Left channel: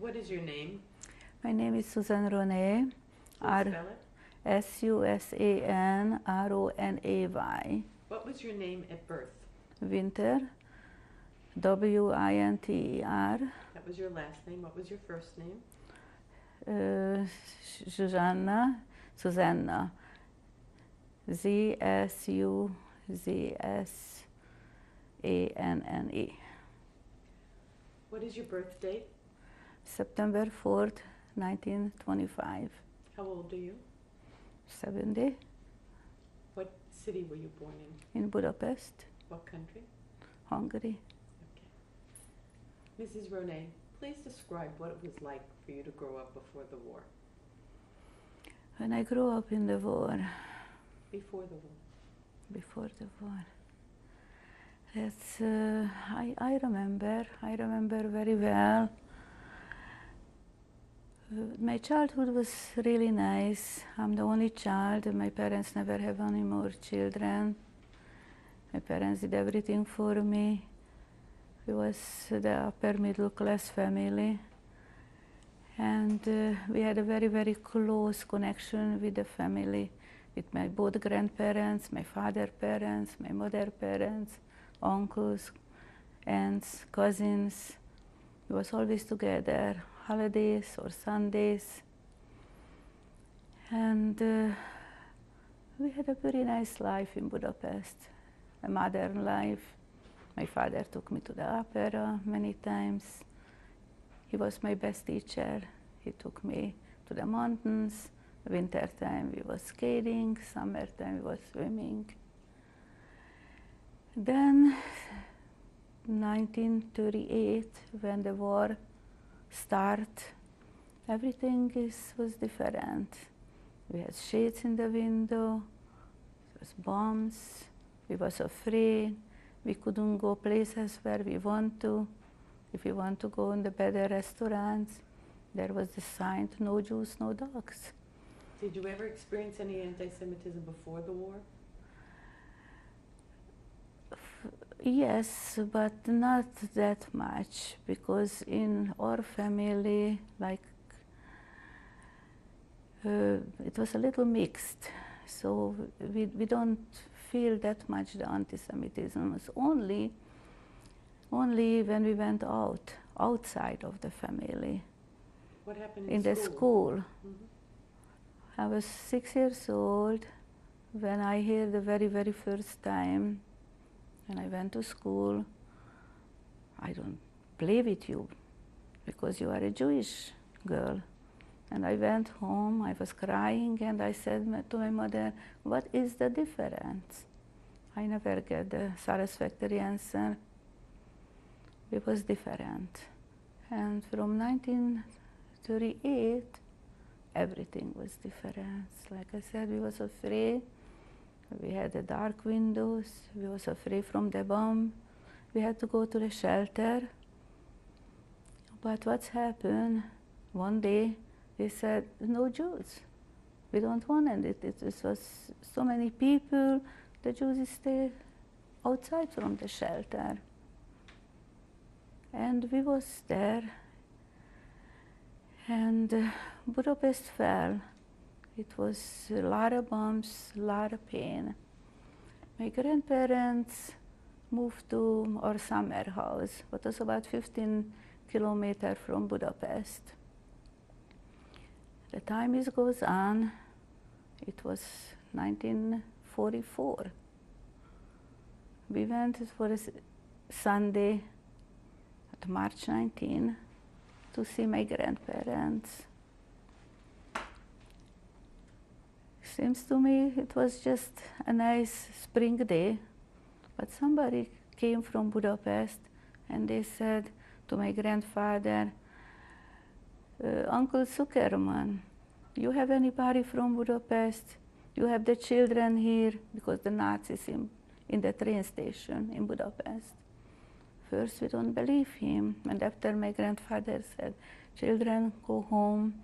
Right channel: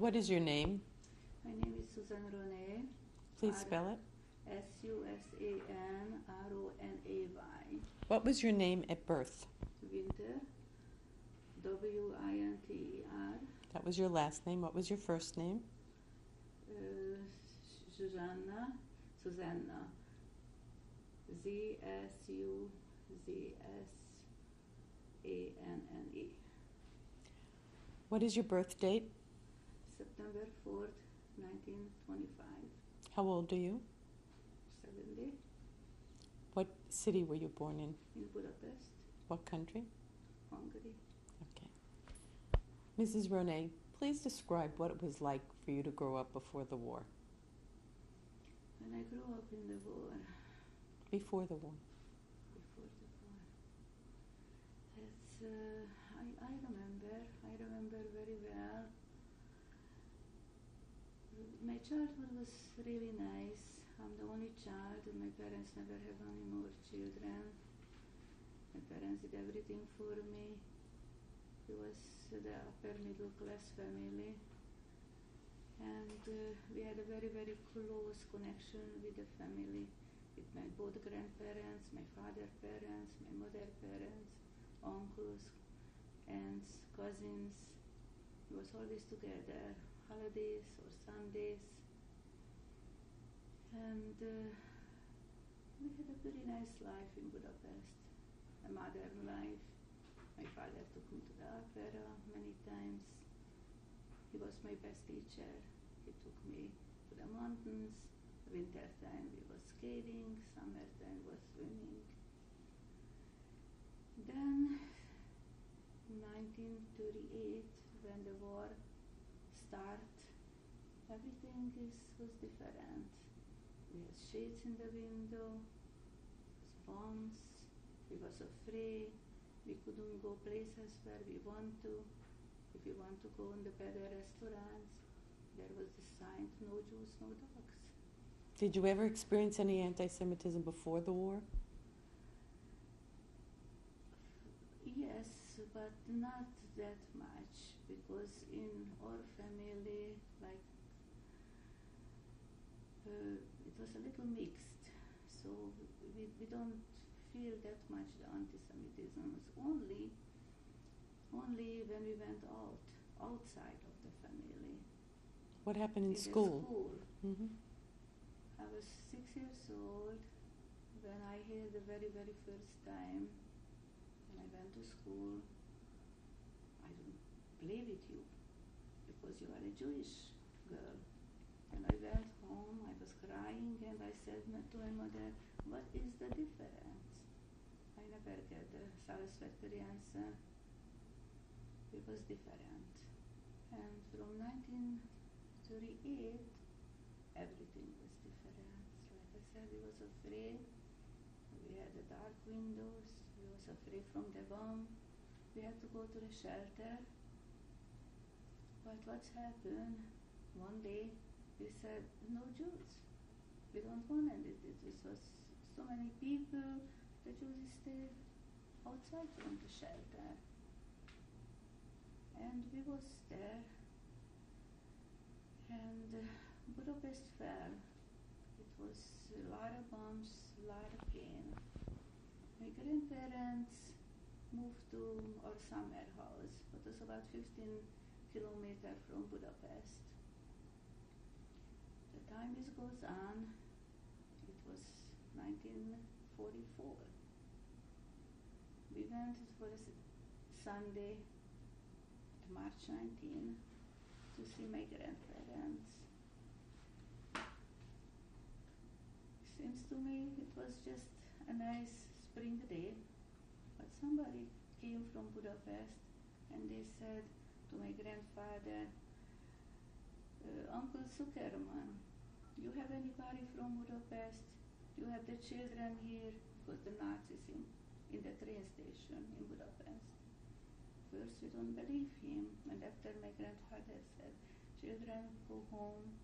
What is your name? My name is Ronay. Please spell it. Susanronay. What was your name at birth? Winter. Winter. That was your last name. What was your first name? Zsuzsanna. Zsuzsanna. Zsuzsanne. What is your birth date? September 4th, 1925. How old are you? 70. What city were you born in? In Budapest, What country? Hungary. Okay. Mrs. Ronay, please describe what it was like for you to grow up before the war. When I grew up in the war, Before the war. That's, I remember very well. My childhood was really nice. I'm the only child. My parents never have any more children. My parents did everything for me. We was the upper middle class family. And we had a very, very close connection with the family, with my both grandparents, my father's parents, my mother's parents, uncles, aunts, cousins. We was always together, holidays or Sundays. And we had a very nice life in Budapest, a modern life. My father took me to the opera many times. He was my best teacher. He took me to the mountains. Winter time we was skating, summertime we was swimming. Then 1938, when the war started, everything was different. We had shades in the window, there was bombs, we was afraid, we couldn't go places where we want to. If we want to go in the better restaurants, there was the sign, no Jews, no dogs. Did you ever experience any anti-Semitism before the war? Yes, but not that much, because in our family, like, it was a little mixed. So we don't feel that much the anti-Semitism. It's only when we went outside of the family. What happened in school? the school. Mm-hmm. I was 6 years old when I heard the very, very first time. When I went to school, I don't play with you because you are a Jewish girl. And I went home, I was crying, and I said to my mother, what is the difference? I never get the satisfactory answer. It was different. And from 1938, everything was different. Like I said, we was afraid. We had the dark windows. We was afraid from the bomb. We had to go to the shelter. But what's happened? One day, they said, no Jews. We don't want it. It was so many people. The Jews stayed outside from the shelter. And we was there. And Budapest fell. It was a lot of bombs, a lot of pain. My grandparents moved to our summer house, which was about 15 kilometers from Budapest. The time goes on. It was 1944. We went for a Sunday, March 19, to see my grandparents. Seems to me it was just a nice spring day, but somebody came from Budapest and they said to my grandfather, Uncle Zuckerman, you have anybody from Budapest? You have the children here, because the Nazis in the train station in Budapest. First we don't believe him, and after my grandfather said, children, go home,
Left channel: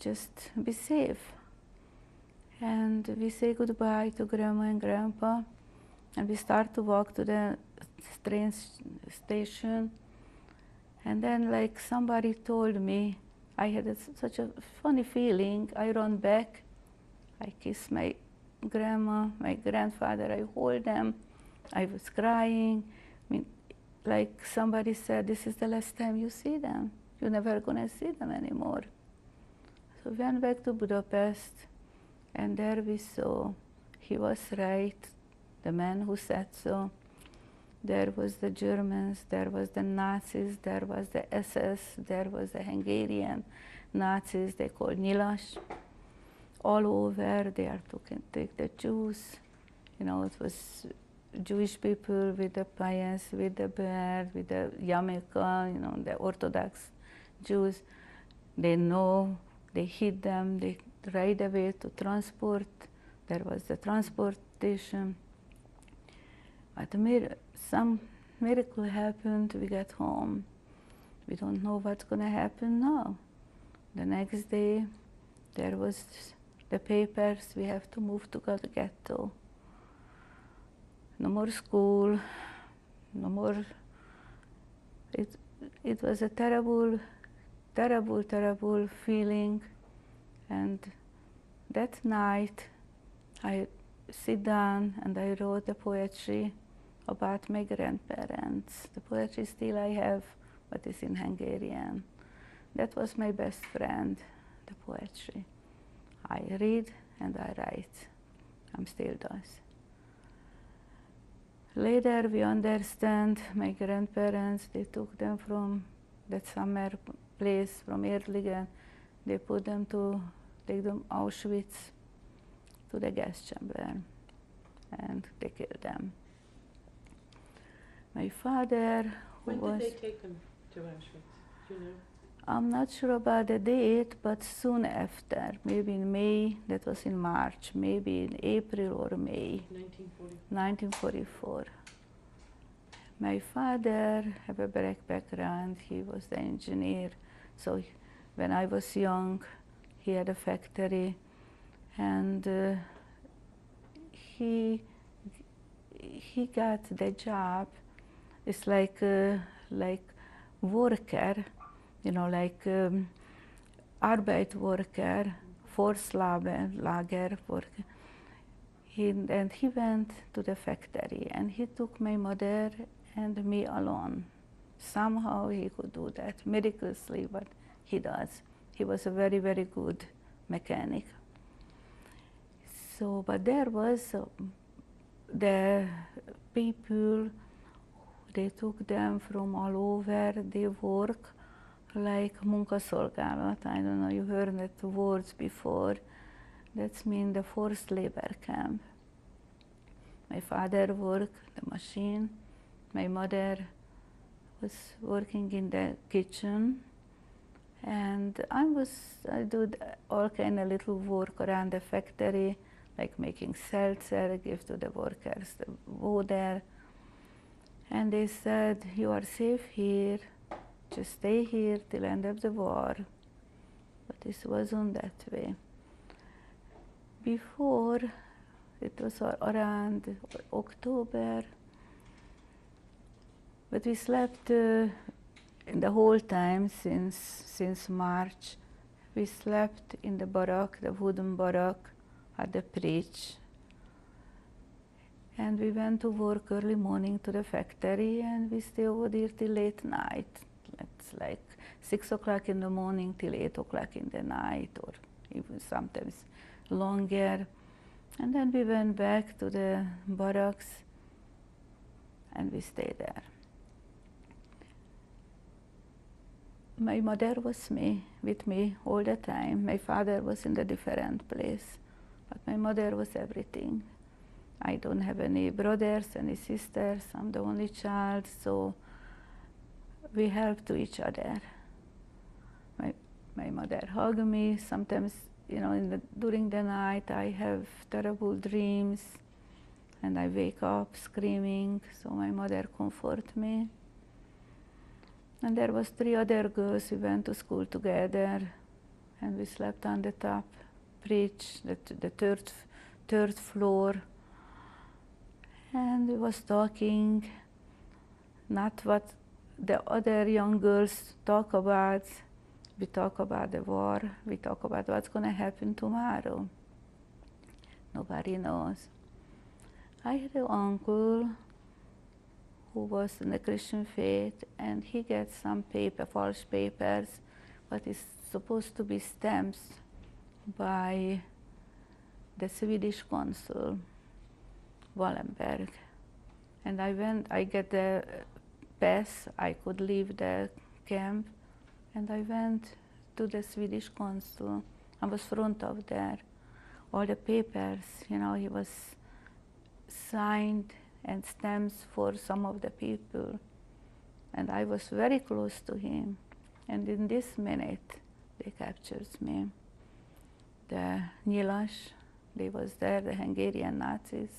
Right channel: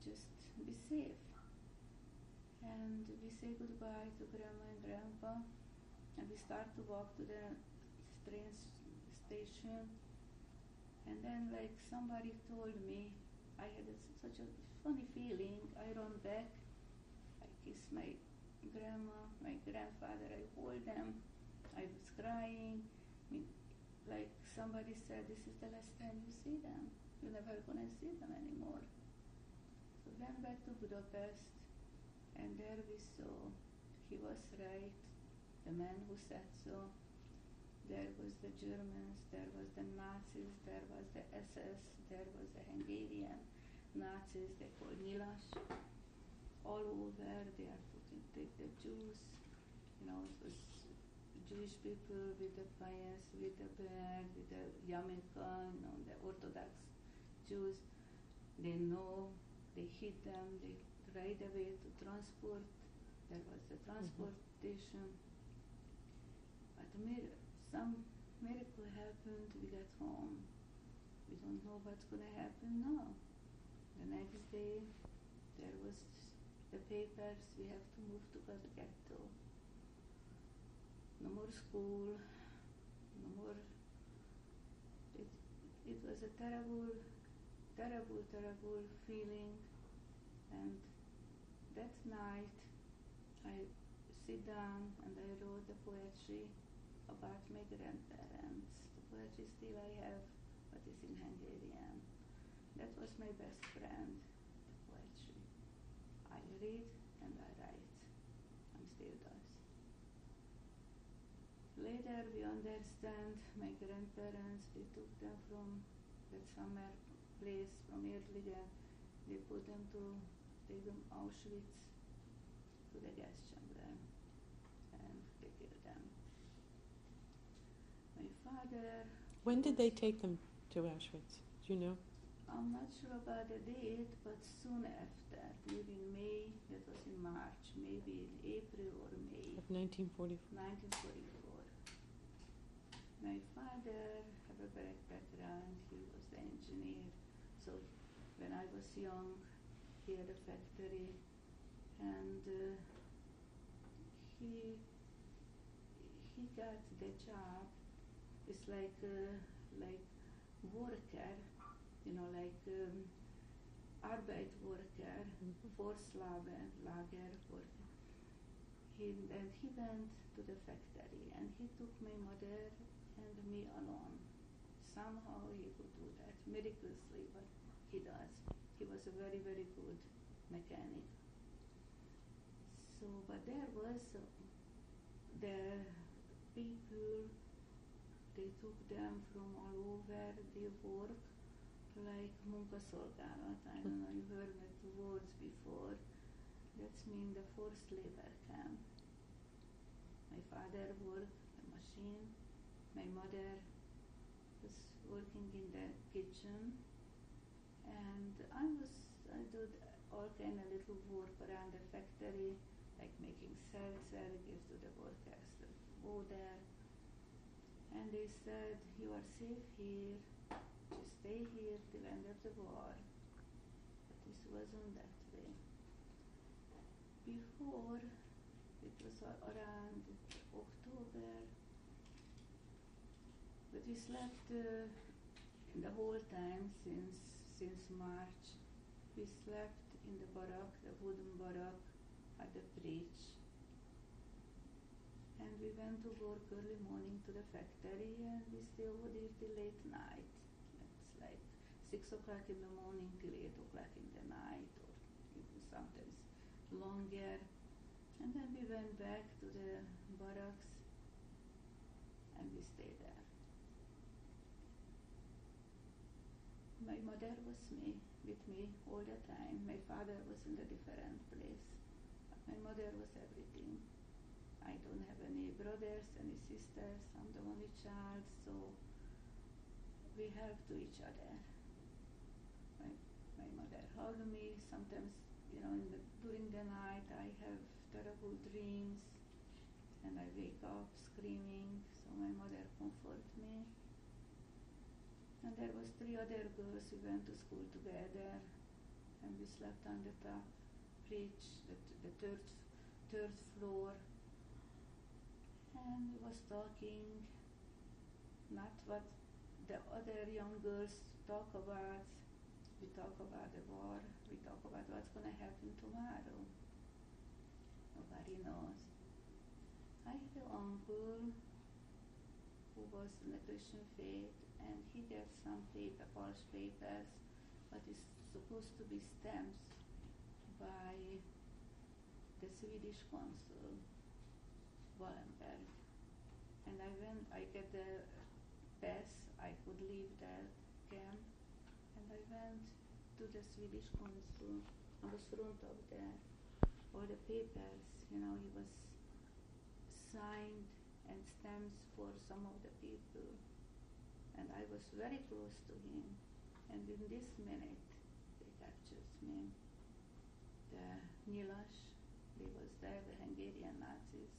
just be safe. And we say goodbye to Grandma and Grandpa, and we start to walk to the train station. And then like somebody told me, I had such a funny feeling. I run back, I kiss my grandma, my grandfather, I hold them. I was crying. I mean, like somebody said, this is the last time you see them. You're never gonna see them anymore. So we went back to Budapest, and there we saw, he was right, the man who said so. There was the Germans, there was the Nazis, there was the SS, there was the Hungarian Nazis, they called Nyilas. All over, they are take the Jews. You know, it was Jewish people with the pious, with the beard, with the yarmulke, you know, the Orthodox Jews. They know, they hid them, they right away to transport. There was the transportation. But some miracle happened, we got home. We don't know what's gonna happen now. The next day, there was the papers, we have to move to the ghetto. No more school, no more. It was a terrible, terrible, terrible feeling. And that night, I sit down and I wrote the poetry about my grandparents. The poetry still I have, but it's in Hungarian. That was my best friend, the poetry. I read and I write. I'm still does. Later we understand my grandparents, they took them from that summer place from Erligen. They put them to take them Auschwitz to the gas chamber and they killed them. My father, when did they take them to Auschwitz? Do you know? I'm not sure about the date, but soon after, maybe in May, that was in March, maybe in April or May. 1944. My father had a black background, he was the engineer, so when I was young, he had a factory, and he got the job. It's like worker, you know, like Arbeitsworker, Forstlager worker. And he went to the factory and he took my mother and me alone. Somehow he could do that, miraculously, but he does. He was a very, very good mechanic. So, but there was the people, they took them from all over, they work like munkaszolgálat. I don't know, you heard that words before. That's mean the forced labor camp. My father worked the machine. My mother was working in the kitchen. And I did all kind of little work around the factory, like making seltzer, give to the workers the water. And they said, you are safe here, just stay here till end of the war. But this wasn't that way. Before, it was around October, but we slept in the whole time since March. We slept in the barrack, the wooden barrack at the bridge. And we went to work early morning to the factory and we stay over there till late night. It's like 6 o'clock in the morning till 8 o'clock in the night, or even sometimes longer. And then we went back to the barracks and we stayed there. My mother was with me all the time. My father was in a different place, but my mother was everything. I don't have any brothers, any sisters. I'm the only child, so we help to each other. My mother hugged me. Sometimes, you know, during the night I have terrible dreams and I wake up screaming, so my mother comforts me. And there was 3 other girls, we went to school together and we slept on the top bridge, the third floor. And we was talking, not what the other young girls talk about, we talk about the war, we talk about what's going to happen tomorrow. Nobody knows. I had an uncle who was in the Christian faith, and he gets some false papers, what is supposed to be stamps by the Swedish consul, Wallenberg. And I get the pass, I could leave the camp, and I went to the Swedish consul. I was front of there. All the papers, he was signed and stamps for some of the people. And I was very close to him. And in this minute, they captured me. The Nyilas, they was there, the Hungarian Nazis,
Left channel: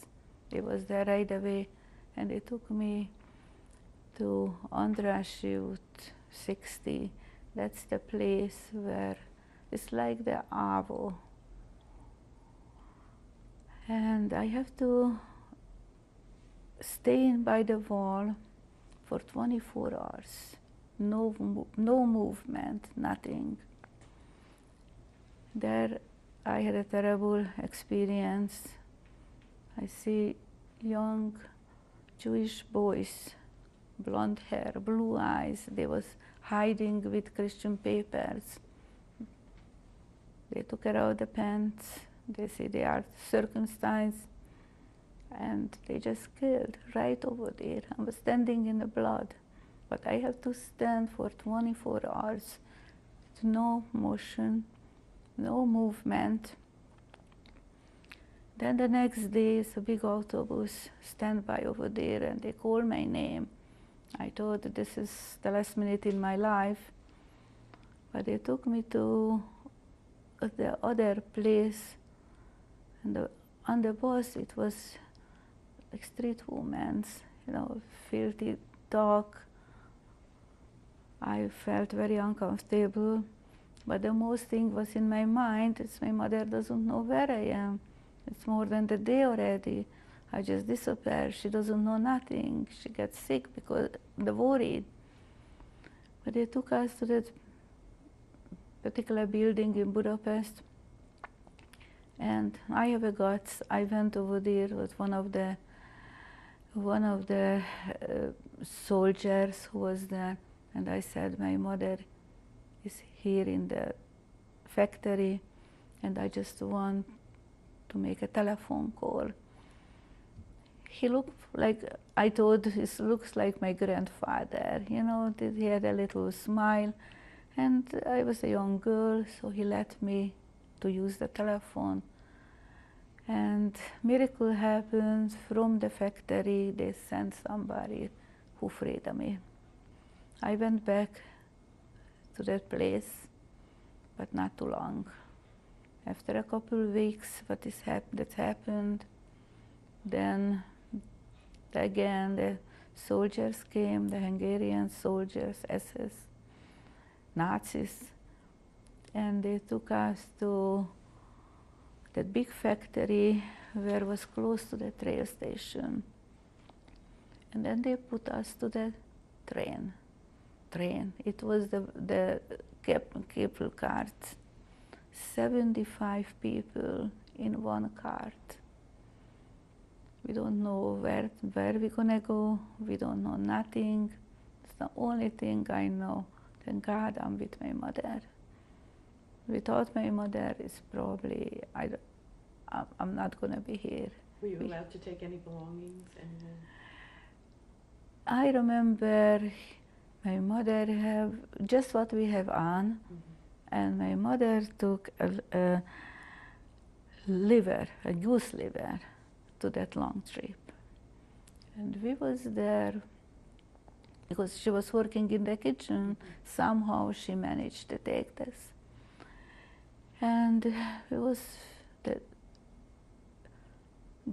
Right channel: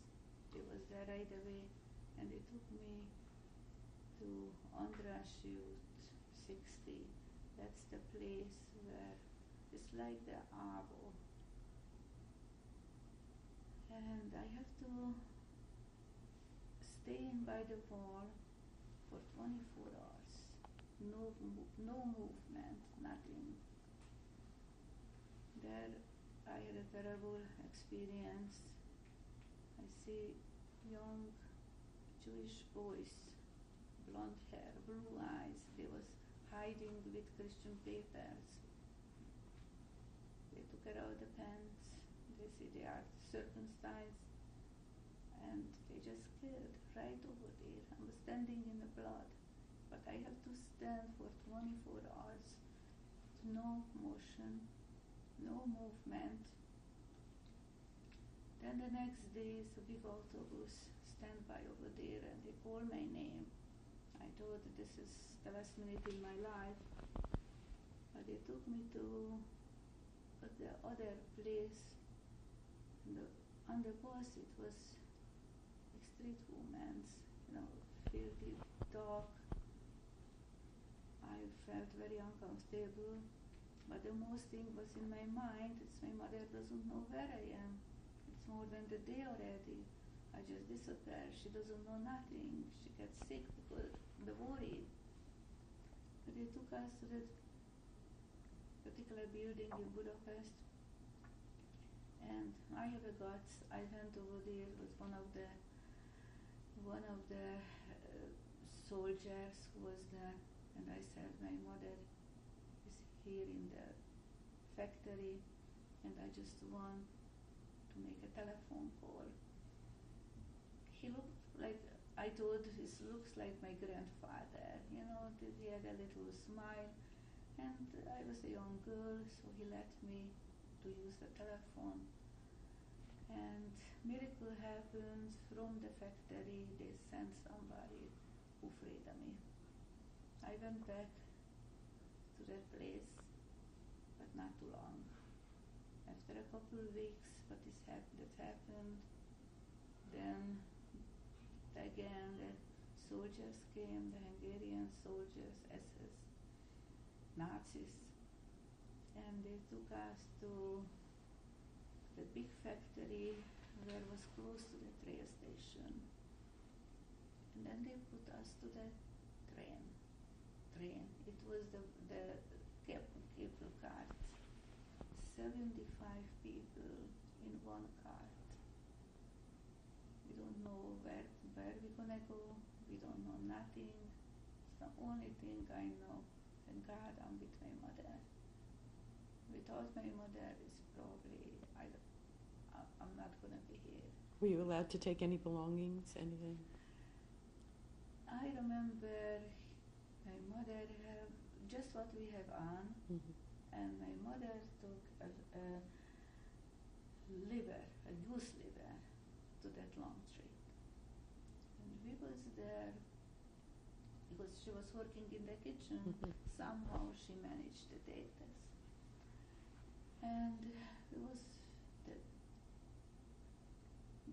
they was there right away, and they took me to András út 60. That's the place where it's like the Avo. And I have to stay by the wall for 24 hours. No movement, nothing. There I had a terrible experience. I see young Jewish boys, blonde hair, blue eyes. They was hiding with Christian papers. They took out the pants. They say they are circumcised, and they just killed right over there. I was standing in the blood, but I have to stand for 24 hours with no motion, no movement. Then the next day, it's a big autobus stand by over there, and they call my name. I thought that this is the last minute in my life, but they took me to the other place, and on the bus it was like street women, filthy talk. I felt very uncomfortable, but the most thing was in my mind is my mother doesn't know where I am. It's more than the day already. I just disappear. She doesn't know nothing. She gets sick because the worried. But they took us to that particular building in Budapest, and I have a guts. I went over there with one of the soldiers who was there, and I said, my mother is here in the factory, and I just want to make a telephone call. He looked like, I thought he looks like my grandfather, he had a little smile, and I was a young girl, so he let me to use the telephone. And miracle happened. From the factory, they sent somebody who freed me. I went back to that place, but not too long. After a couple of weeks, that happened, then again the soldiers came, the Hungarian soldiers, SS, Nazis, and they took us to that big factory where was close to the train station. And then they put us to the train. It was the cable cart. 75 people in one cart. We don't know where we're gonna go. We don't know nothing. It's the only thing I know. Thank God I'm with my mother. Without my mother, it's probably, I'm not gonna be here. Were you allowed to take any belongings? Anything? I remember my mother have just what we have on, and my mother took a liver, a goose liver, to that long trip. And we was there because she was working in the kitchen. Somehow she managed to take this. And it was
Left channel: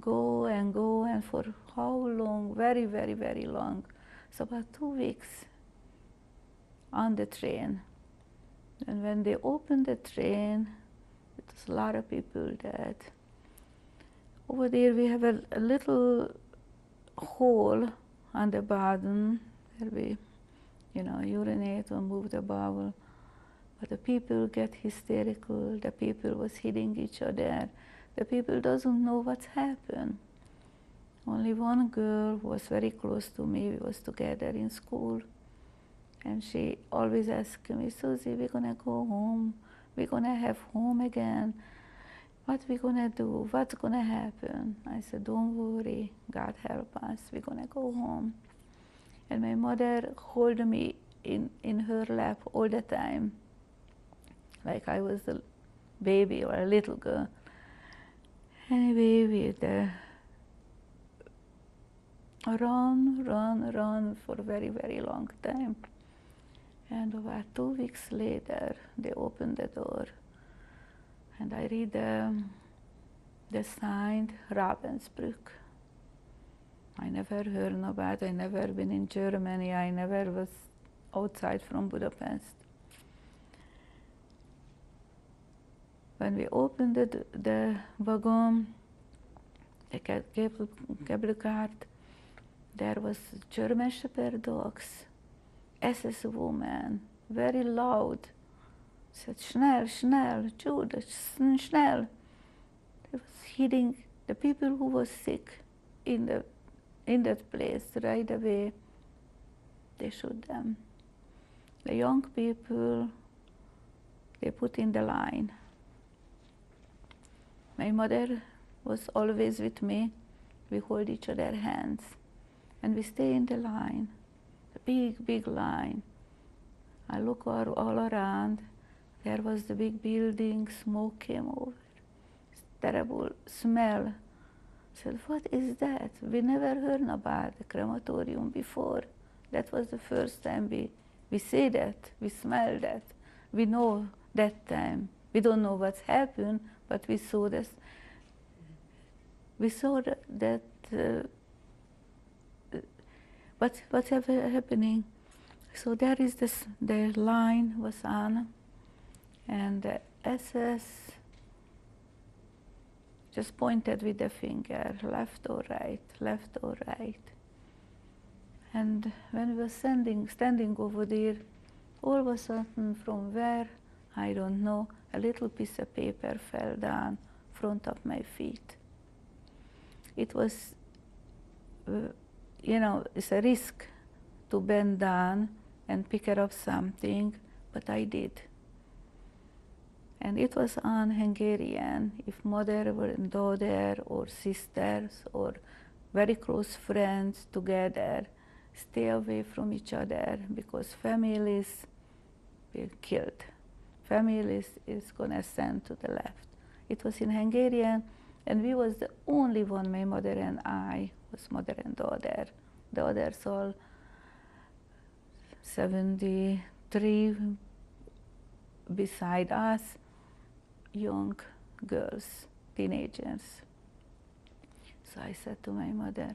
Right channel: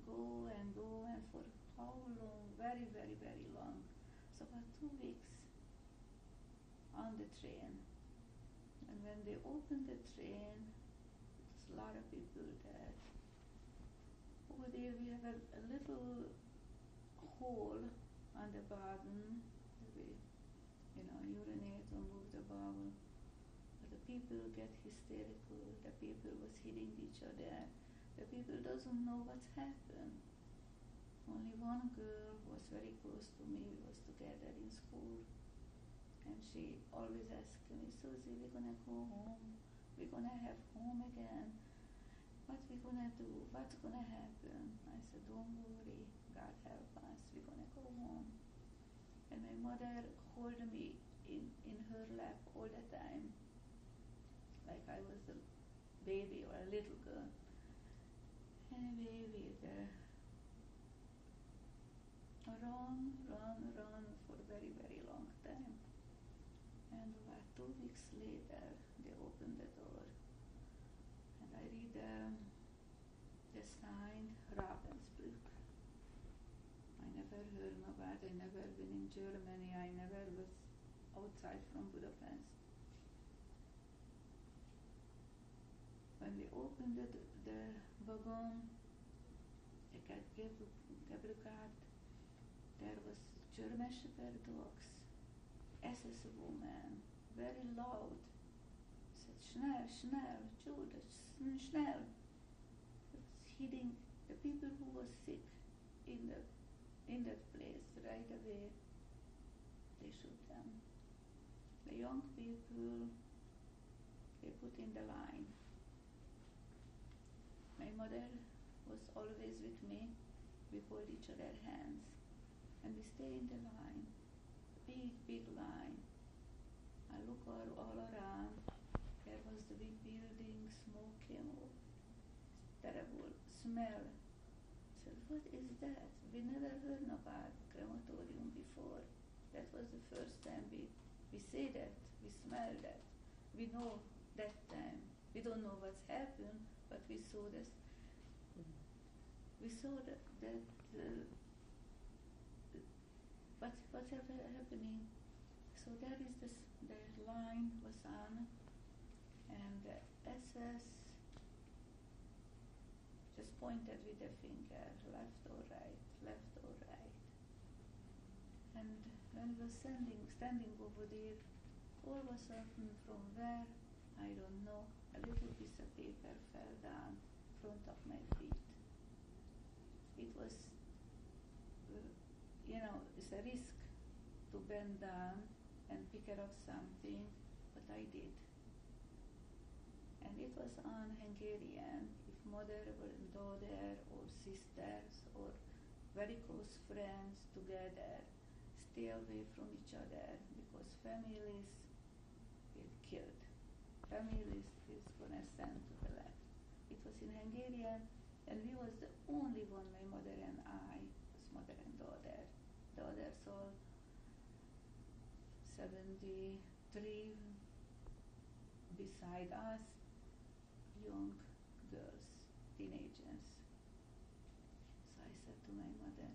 go, and for how long? Very, very, very long. So about 2 weeks on the train. And when they opened the train, it was a lot of people dead. Over there we have a little hole on the bottom where we urinate or move the bowel. But the people get hysterical, the people was hitting each other, the people doesn't know what's happened. Only one girl was very close to me, we was together in school, and she always asked me, Susie, we're gonna go home, we're gonna have home again, what we gonna do, what's gonna happen? I said, don't worry, God help us, we're gonna go home. And my mother held me in her lap all the time, like I was a baby or a little girl. Anyway, we run for a very, very long time. And about 2 weeks later, they opened the door, and I read the sign, Ravensbrück. I never heard about it, I never been in Germany, I never was outside from Budapest. When we opened the wagon, the cable cart, there was German Shepherd dogs, SS woman, very loud, said, schnell, schnell, Jude, schnell. They was hitting the people who was sick in that place right away. They shoot them. The young people, they put in the line. My mother was always with me. We hold each other's hands, and we stay in the line, the big, big line. I look all around. There was the big building, smoke came over. Terrible smell. I said, what is that? We never heard about the crematorium before. That was the first time we see that, we smell that. We know that time. We don't know what's happened, but we saw this. We saw that what's happening. So there is the line was on, and the SS just pointed with the finger, left or right, left or right. And when we were standing over there, all of a sudden, from where, I don't know, a little piece of paper fell down in front of my feet. It was, it's a risk to bend down and pick up something, but I did. And it was on Hungarian. If mother and daughter or sisters or very close friends together, stay away from each other because families will killed. Families is gonna send to the left. It was in Hungarian, and we was the only one, my mother and I, was mother and daughter. The others all 73 beside us, young girls, teenagers. So I said to my mother,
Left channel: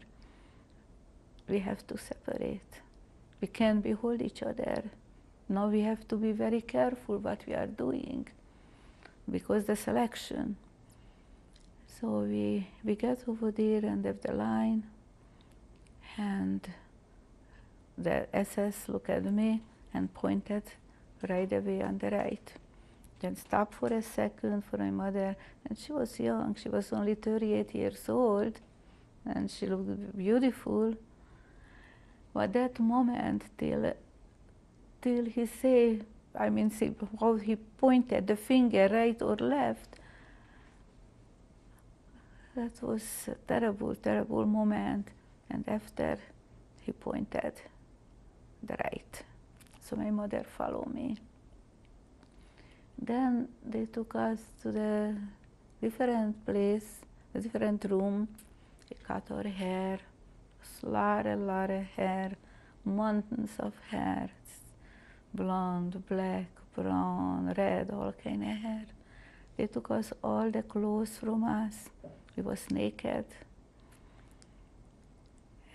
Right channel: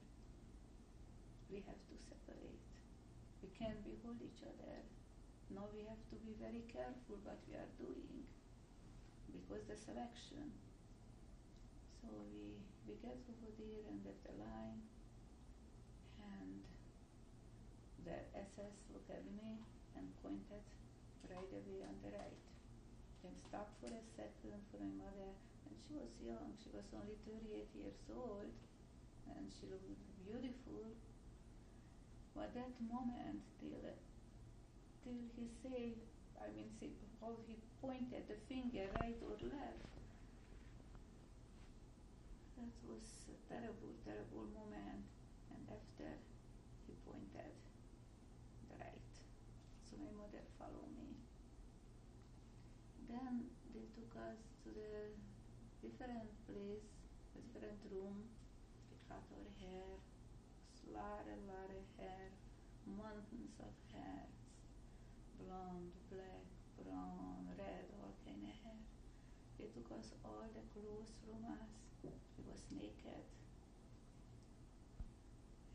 we have to separate. We can't behold each other. Now we have to be very careful what we are doing because the selection. So we get over there and have the line, and the SS looked at me and pointed right away on the right. Then stopped for a second for my mother, and she was young, she was only 38 years old, and she looked beautiful. But that moment, till he said, see how he pointed the finger right or left, that was a terrible, terrible moment. And after he pointed the right. So my mother followed me. Then they took us to the different place, a different room. They cut our hair, a lot of hair, mountains of hair, blonde, black, brown, red, all kind of hair. They took us all the clothes from us. We was naked.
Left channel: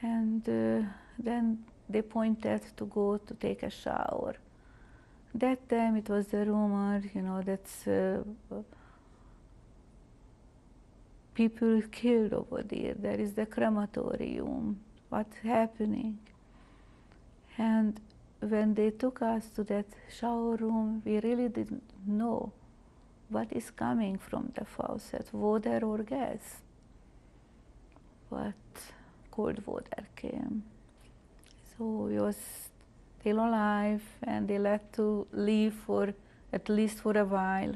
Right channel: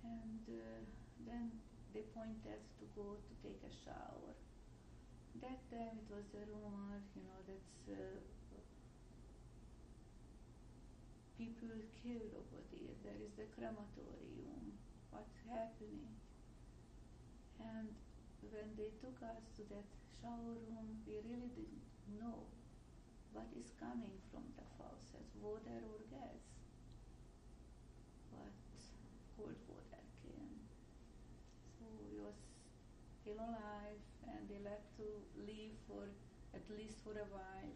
And then they pointed to go to take a shower. That time it was the rumor, that's people killed over there. There is the crematorium. What's happening? And when they took us to that shower room, we really didn't know what is coming from the faucet, water or gas. But cold water came. So we was still alive, and they let to leave for at least for a while.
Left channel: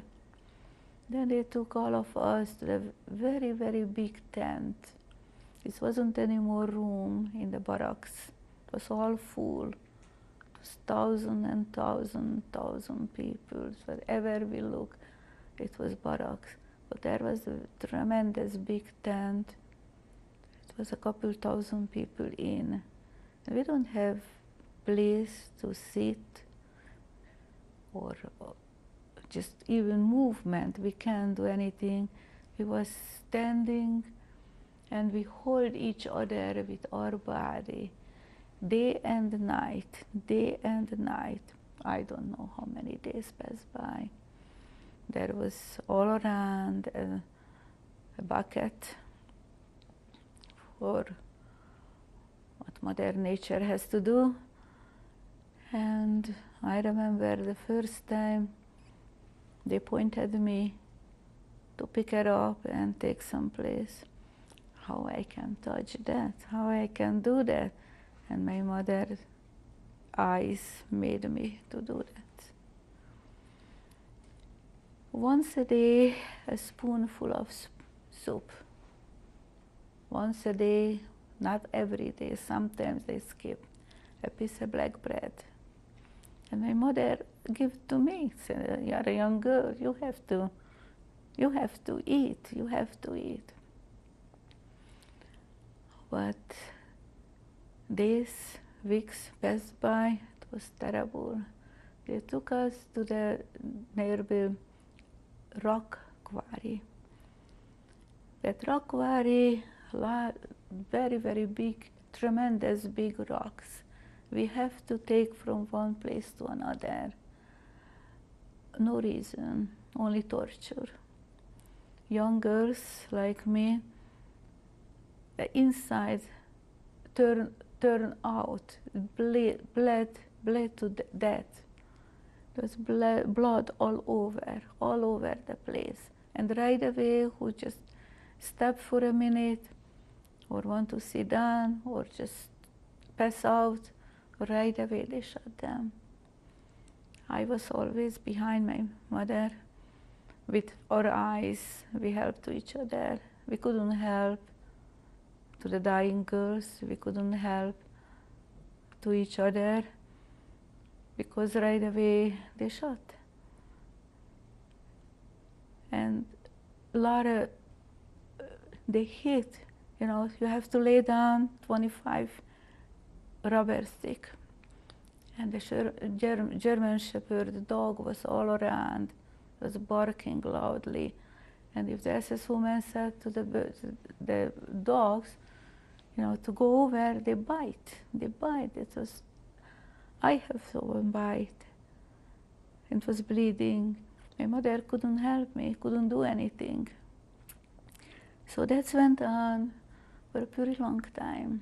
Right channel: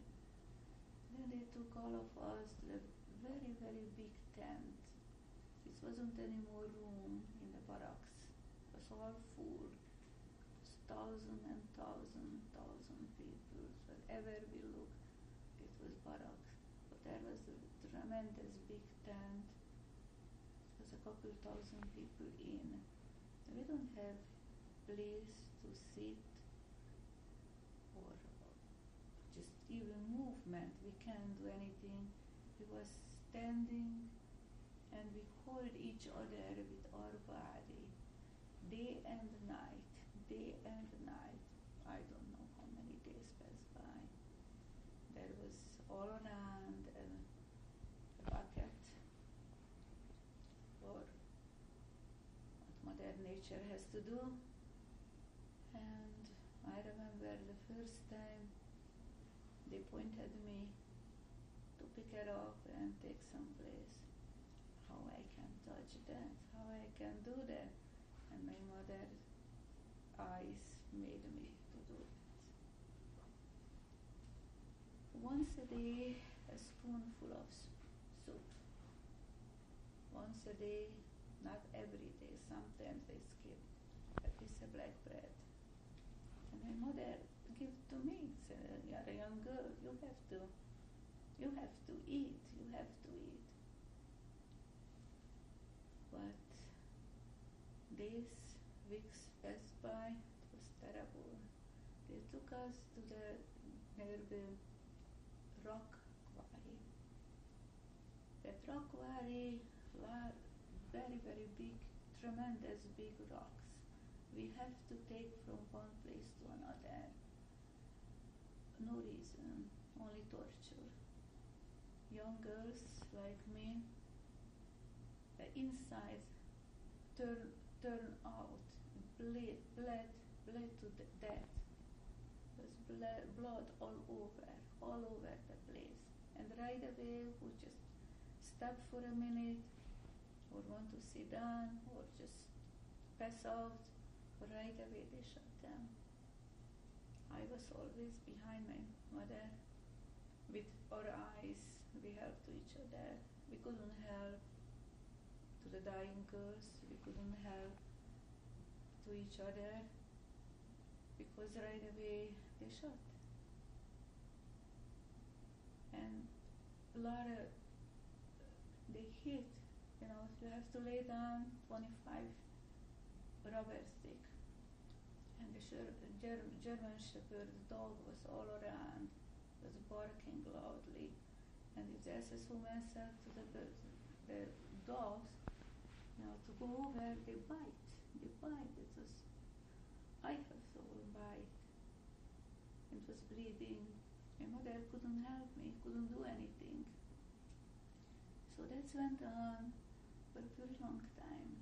Then they took all of us to the very, very big tent. It wasn't any more room in the barracks. It was all full. It was thousand people. Wherever we look, it was barracks. But there was a tremendous big tent. It was a couple thousand people in. And we don't have place to sit or just even movement. We can't do anything. We was standing and we hold each other with our body day and night, day and night. I don't know how many days passed by. There was all around a bucket for what Mother Nature has to do. And I remember the first time they pointed me to pick it up and take some place. How I can touch that, how I can do that. And my mother's eyes made me to do that. Once a day, a spoonful of soup. Once a day, not every day, sometimes they skip a piece of black bread. And my mother gave it to me, said, "You're a young girl, you have to eat, you have to eat." But days, weeks passed by, it was terrible. They took us to the nearby rock quarry. That rock quarry, very, very big, tremendous big rocks. We have to take from one place to another. No reason, only torture. Young girls like me, the inside turn out, bled to death. There was blood all over the place. And right away, who just stop for a minute, or want to sit down, or just pass out, right away they shot them. I was always behind my mother. With our eyes, we helped to each other. We couldn't help to the dying girls. We couldn't help to each other because right away they shot. And Lara, they hit, you have to lay down 25 rubber stick. And the German Shepherd dog was all around, was barking loudly. And if the SS woman said to the dogs, to go over, they bite. I have one bite. It was bleeding. My mother couldn't help me, couldn't do anything. So that went on for a pretty long time.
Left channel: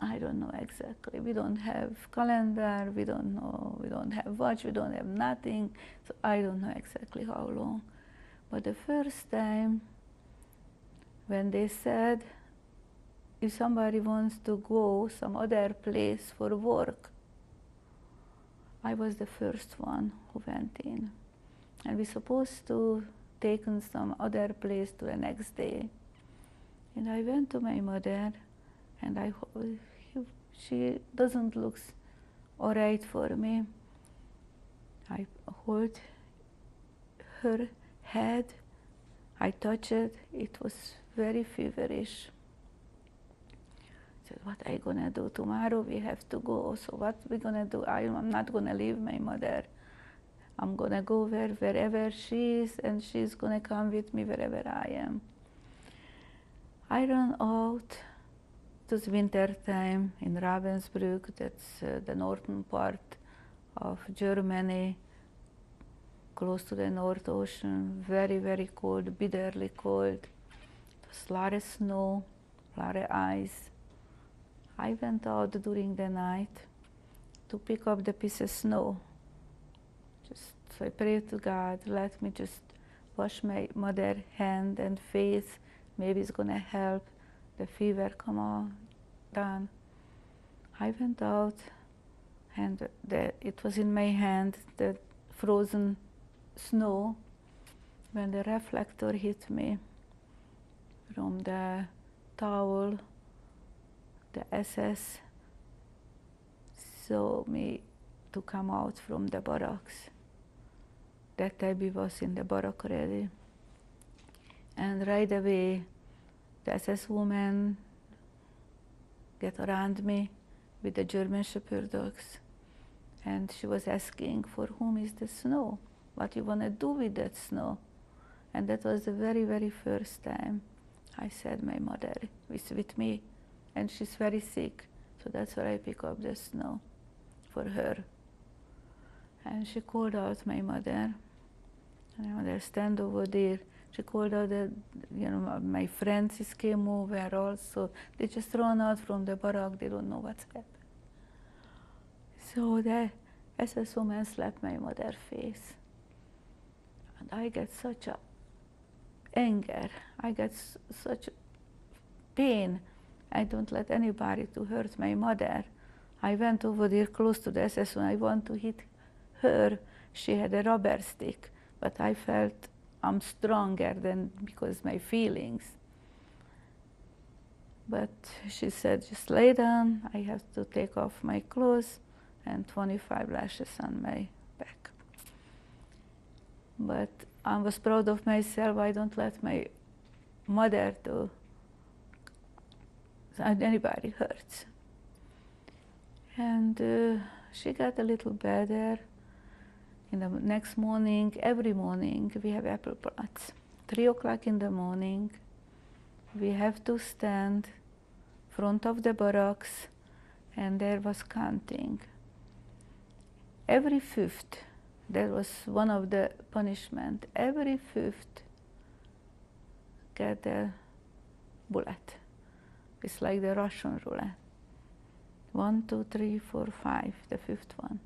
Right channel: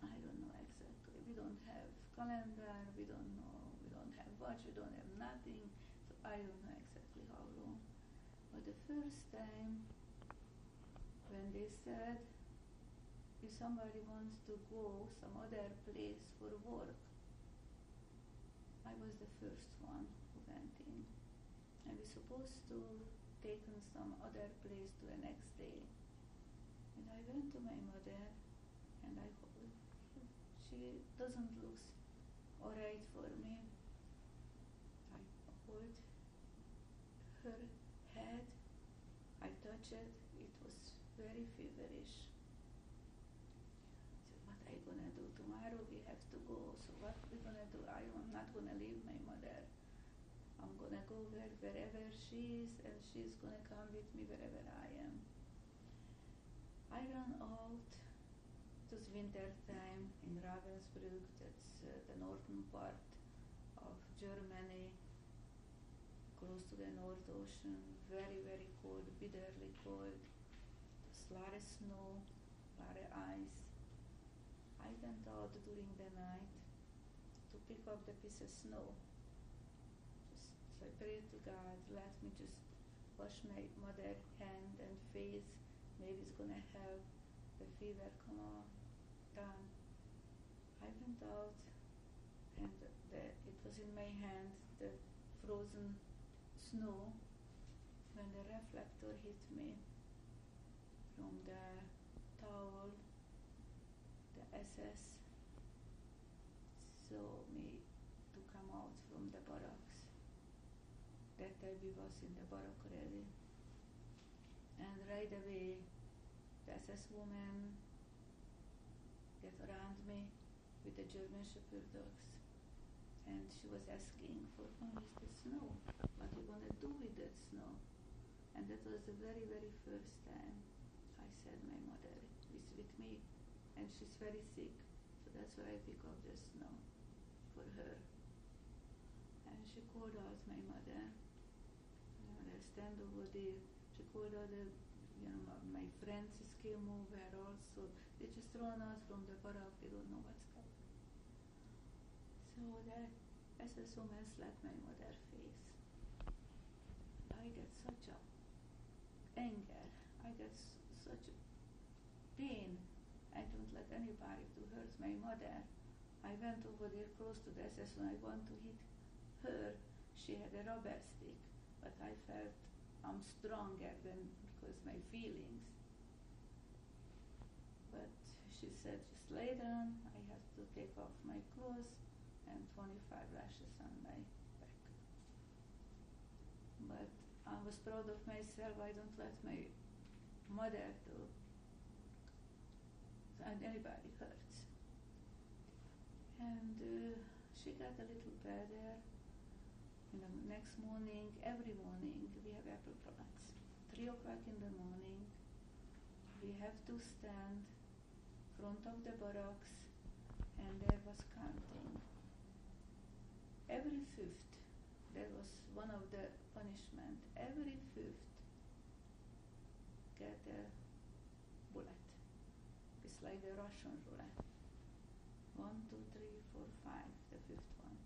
I don't know exactly. We don't have calendar, we don't know, we don't have watch, we don't have nothing. So I don't know exactly how long. But the first time when they said, if somebody wants to go some other place for work, I was the first one who went in. And we're supposed to take in some other place to the next day. And I went to my mother, and she doesn't look all right for me. I hold her head, I touched it, it was very feverish. I said, what are you gonna do? Tomorrow we have to go, so what we gonna do? I'm not gonna leave my mother. I'm gonna go wherever she is, and she's gonna come with me wherever I am. I ran out. It was winter time in Ravensbrück, that's the northern part of Germany, close to the North Ocean, very, very cold, bitterly cold. It was a lot of snow, a lot of ice. I went out during the night to pick up the piece of snow. So I prayed to God, let me just wash my mother's hand and face. Maybe it's gonna help the fever come on down. I went out, and it was in my hand, the frozen snow, when the reflector hit me from the towel. The SS saw me to come out from the barracks. That Abby was in the barrack already. And right away, the SS woman get around me with the German Shepherd dogs. And she was asking, for whom is the snow? What you want to do with that snow? And that was the very, very first time I said my mother is with me. And she's very sick. So that's where I pick up the snow for her. And she called out my mother. And my mother stand over there. She called out that, my friends came over also. They just run out from the barrack. They don't know what's happened. So the SS woman slapped my mother's face. And I get such a anger. I get such pain. I don't let anybody to hurt my mother. I went over there close to the SS and I want to hit her. She had a rubber stick, but I felt I'm stronger than because my feelings. But she said, just lay down. I have to take off my clothes and 25 lashes on my back. But I was proud of myself. I don't let my mother to anybody hurts. And she got a little better. In the next morning, every morning, we have apple plots. 3 o'clock in the morning, we have to stand in front of the barracks, and there was counting. Every fifth, that was one of the punishment, every fifth get a bullet. It's like the Russian roulette. 1, 2, 3, 4, 5, the fifth one.